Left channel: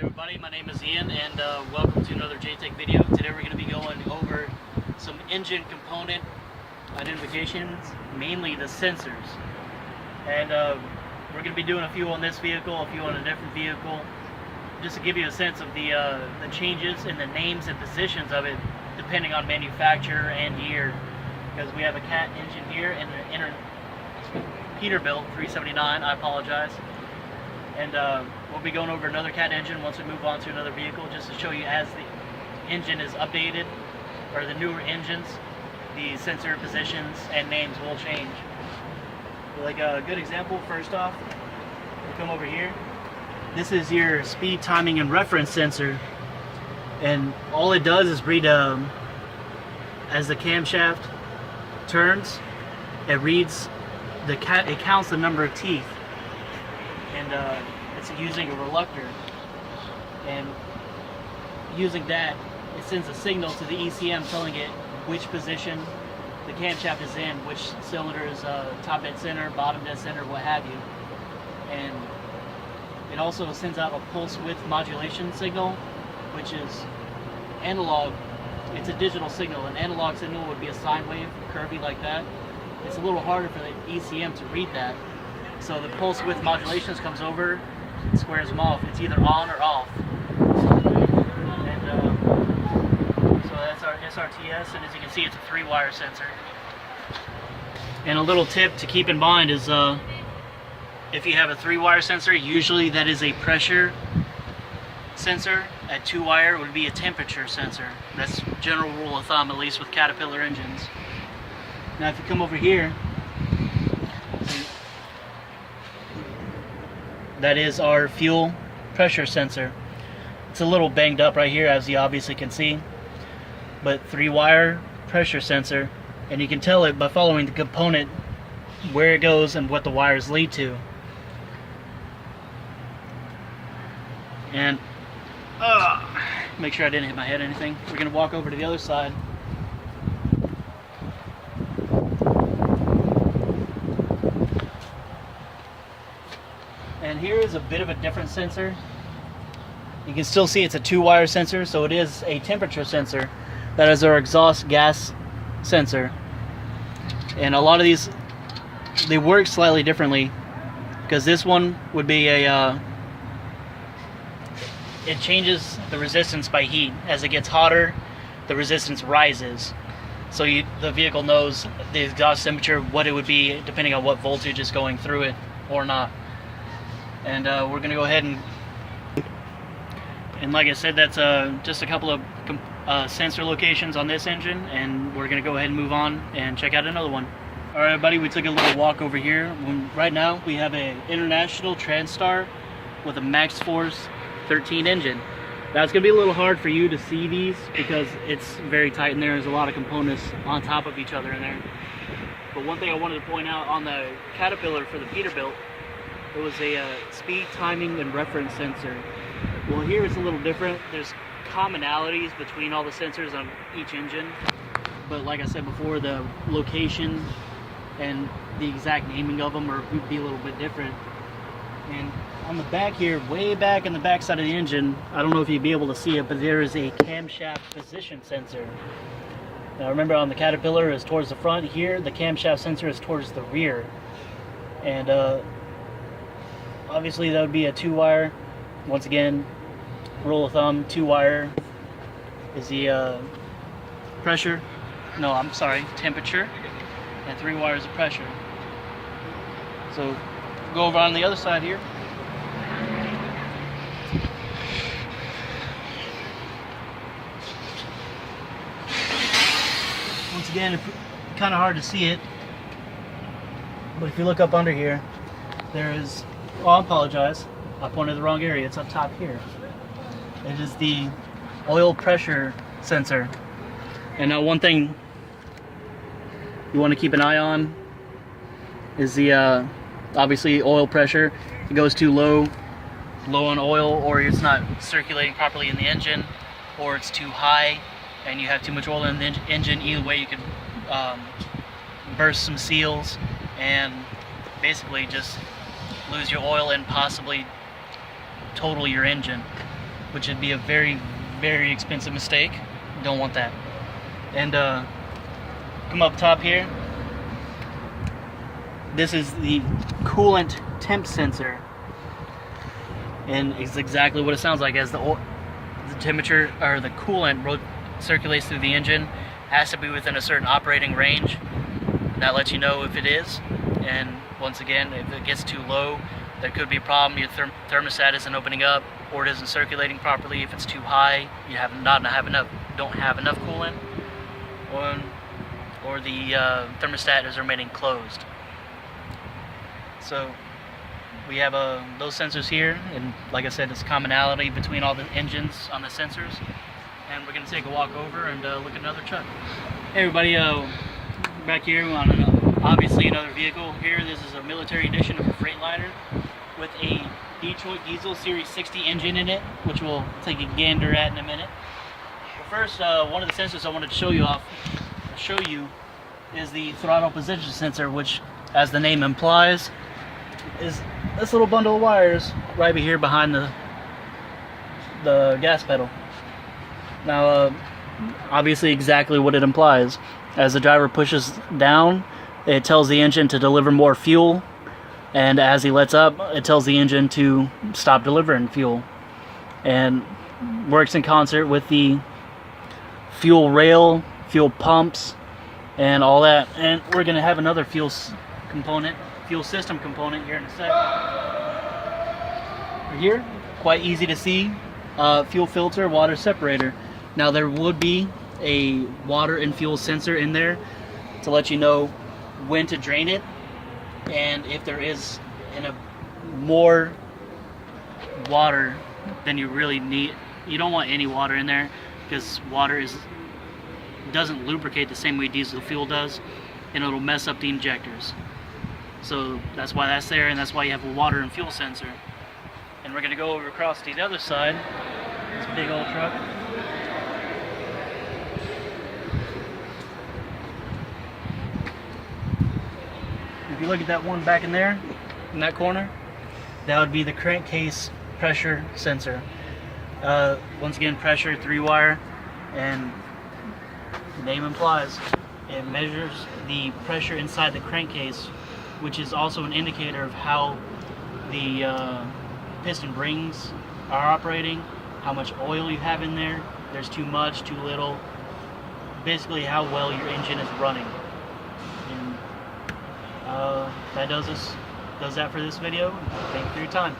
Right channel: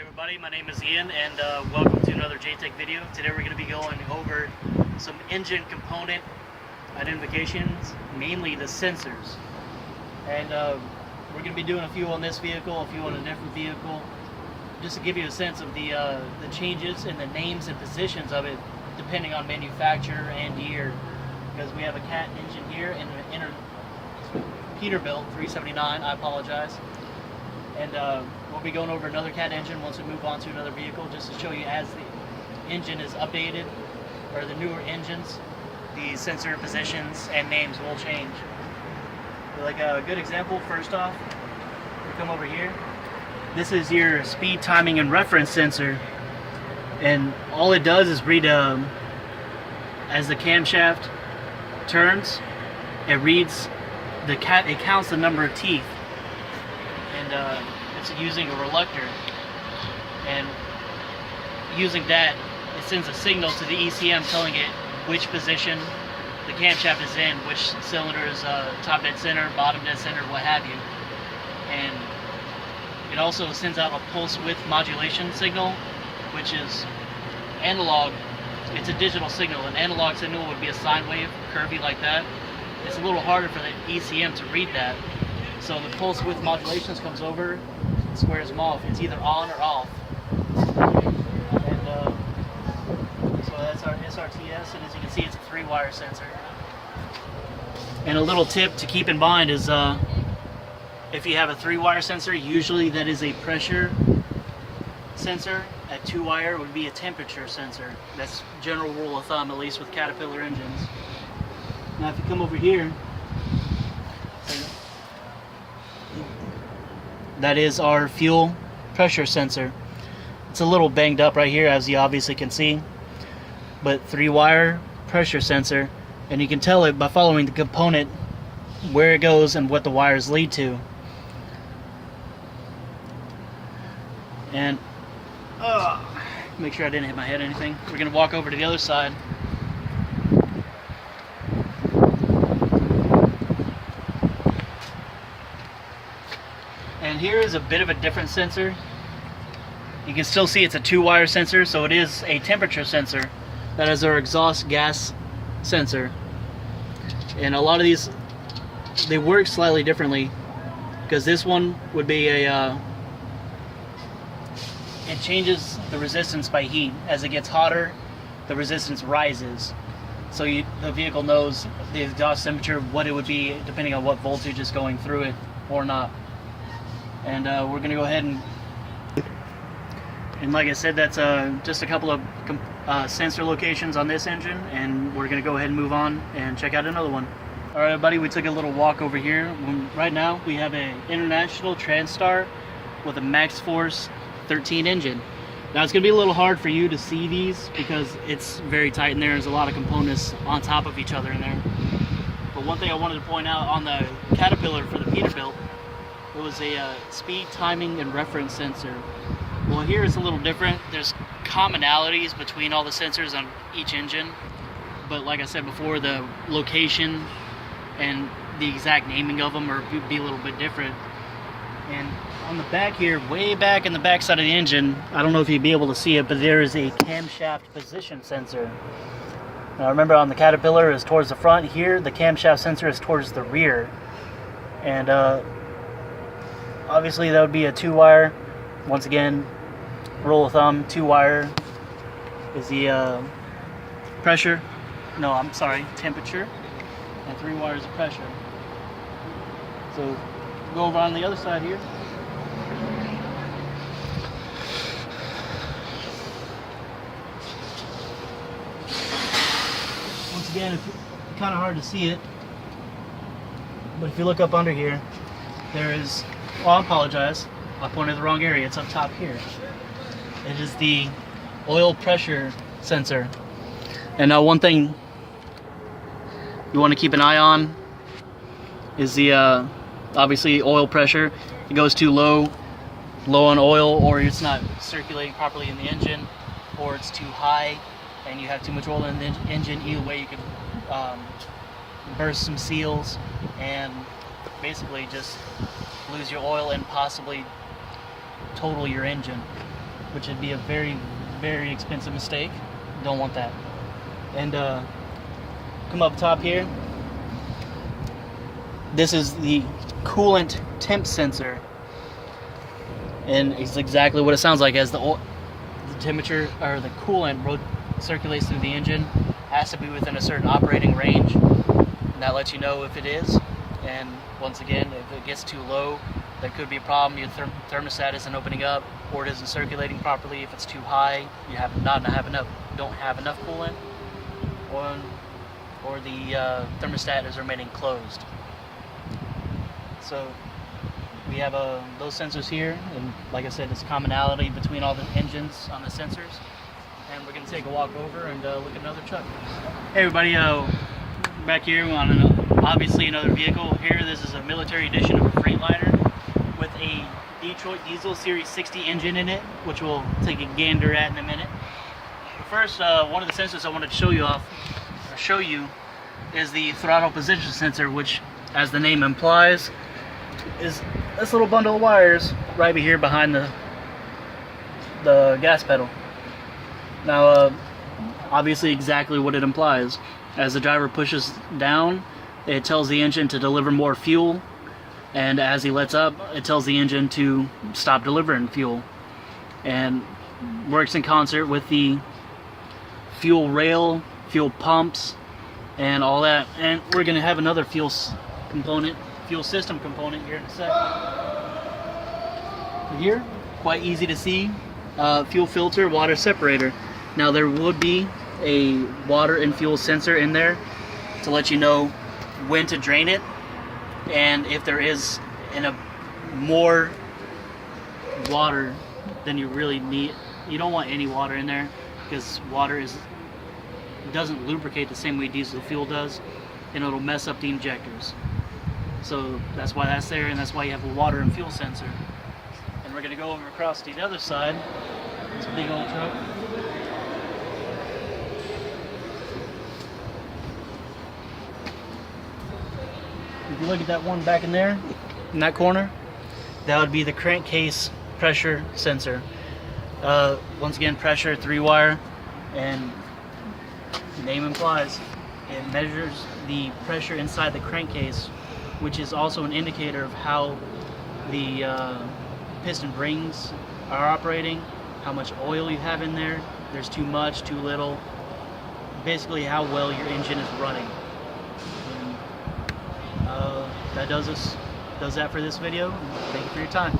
Everybody, my name is Ian and welcome to another JTech video. Today we're going to be going over some engine component identifications, mainly the sensors. And we're going to be doing a few on this vehicle, a few on a different vehicle, just to give you a sense of the changes in the names and positions of it depending on manufacturer and year. Because we have a Cat engine here and an Peterbilt 379, I apologize. And we'll be going over another Cat engine once we move on to another vehicle, just to show you as the engine is updated, or the newer engines, the sensor positions and names will change. So like a good example, first off, we come over here. This is your speed, timing, and reference sensor. And all it does is read, as the camshaft turns, it reads, it counts the number of teeth. And it's using a reluctor, and using that, it sends a signal to the ECM telling it which position the camshaft is in, which cylinder is top dead center, bottom dead center, what have you. And it also sends out a pulse width modulation signal, which is analog. It's a digital signal. An analog signal would be a sine wave, curvy like that. It's a little harder for the ECM to read that. So the pulse width modulations comes over, squares them off. It's either on or off. And so that's our SRTS, and as you can see, it's a 3-wire sensor. And a little tip to keep in mind is if you have a 3-wire sensor, usually that is a pressure sensor. A 2-wire would be a temperature sensor. That's general rule of thumb, at least with Caterpillar engines. Now if you come over here, that is our fuel pressure sensor. It's a little banged up right here, as you obviously can see, but 3-wire pressure sensor, and you can tell it by following the component where it goes and what the wires lead to. And make sure I didn't hit my head or anything. We're gonna walk over to the other side. And here is a bit of a different sensor. You can still see it's a 2-wire sensor, so it is a temperature sensor. That is our exhaust gas sensor. And a lot of these, they work slightly differently, because this one would be a, it changes the resistance by heat. As it gets hotter, the resistance rises. So the vehicle knows the exhaust temperature, what it would be, depending on what voltage is going through it or not. And we're going to go ahead and like I said, that's just a couple of sensor locations on this engine, and we're going to go ahead and move on and check out another one. Alright everybody, we took a little walk over here. Right now we have an International Transstar with a MaxxForce 13 engine. Now it's going to be a little hard for you to see these because it's very tight in there. There's a lot of components on top of each other in there. But one thing I wanted to point out on the Caterpillar for the Peterbilt, it was a speed, timing, and reference sensor. Well, here it's a little different. There's commonalities between all the sensors on each engine, but like I said before, the location and the exact naming of them are be a little bit different. And on the back here, way back in the back side of the engine, I don't know if you'd be able to see it, but there is a camshaft position sensor. Now remember, on the Caterpillar is towards the front. Here the camshaft sensor is towards the rear. And obviously that would be a 2-wire. Once again, rule of thumb, 2-wire is the pressure. No, I'm sorry, temperature. And 3 wires of pressure. So go over on the other side here. Once again, it's kind of hard to see it, but if you look up under here, there is, oh, I apologize, I pointed the wrong area. It's up top here. It is the oil pressure sensor. And now one thing you want to keep an eye on is the obviously oil pressure. It goes too low on oil, or it's not circulating properly in the engine, or it's too high and you have too much oil in the engine. Either way, you could burst some seals and basically just lose your oil and possibly total your engine. which would be a very, very expensive mistake. Don't want that. And come up top here. This is the coolant temp sensor, and it's exactly what it sounds like. As the temperature or the coolant circulates through the engine, has to be within a certain operating range, and that lets you know if it is. And once again, if it gets too low, there could be a problem. Your thermostat isn't opening up, or it isn't circulating properly. If it's too high, you don't have enough coolant, or the thermostat is remaining closed. So we have those sensors here, and like I said, there's commonality between all the engines on the sensors. And we're going to take a walk over and look at another truck. Hey everybody, back here on obviously another vehicle. Here, this is a military edition of a Freightliner with a Detroit Diesel Series 60 engine in it, which we'll take a gander at in a minute. But first, one of the sensors I wanted to show you is the throttle position sensor, which, as the name implies, is this little bundle of wires right here behind the gas pedal. Now, obviously exactly what it implies. As the driver pushes down, it tells the engine to deliver more fuel, and as he lets up, it tells the engine to stop delivering fuel, and works in concert with the fuel rail, fuel pumps, and all that. And we're going to have another fuel system component here in a sec. Here, quite easy to see, fuel filter, water separator. Now there would be a water and fuel sensor in there to let you know when to drain it, and if there is more water than you really need. You don't want any water in there, because water doesn't lubricate the same way diesel fuel does, and it'll mess up the injectors. So that's why that's there, and that's why you have a water and fuel sensor. And we're going to go over across to the other side. This big old truck. If you look at that one back in there, in that corner, that would be the crankcase pressure sensor. Once again, pressure, 3-wire, and the name implies it measures the pressure inside the crankcase, which is also an indicator of how the piston rings are operating, how much oil you have in there, there's too much, too little, basically how well your engine is running. And that does that for this video. Thank you for your time.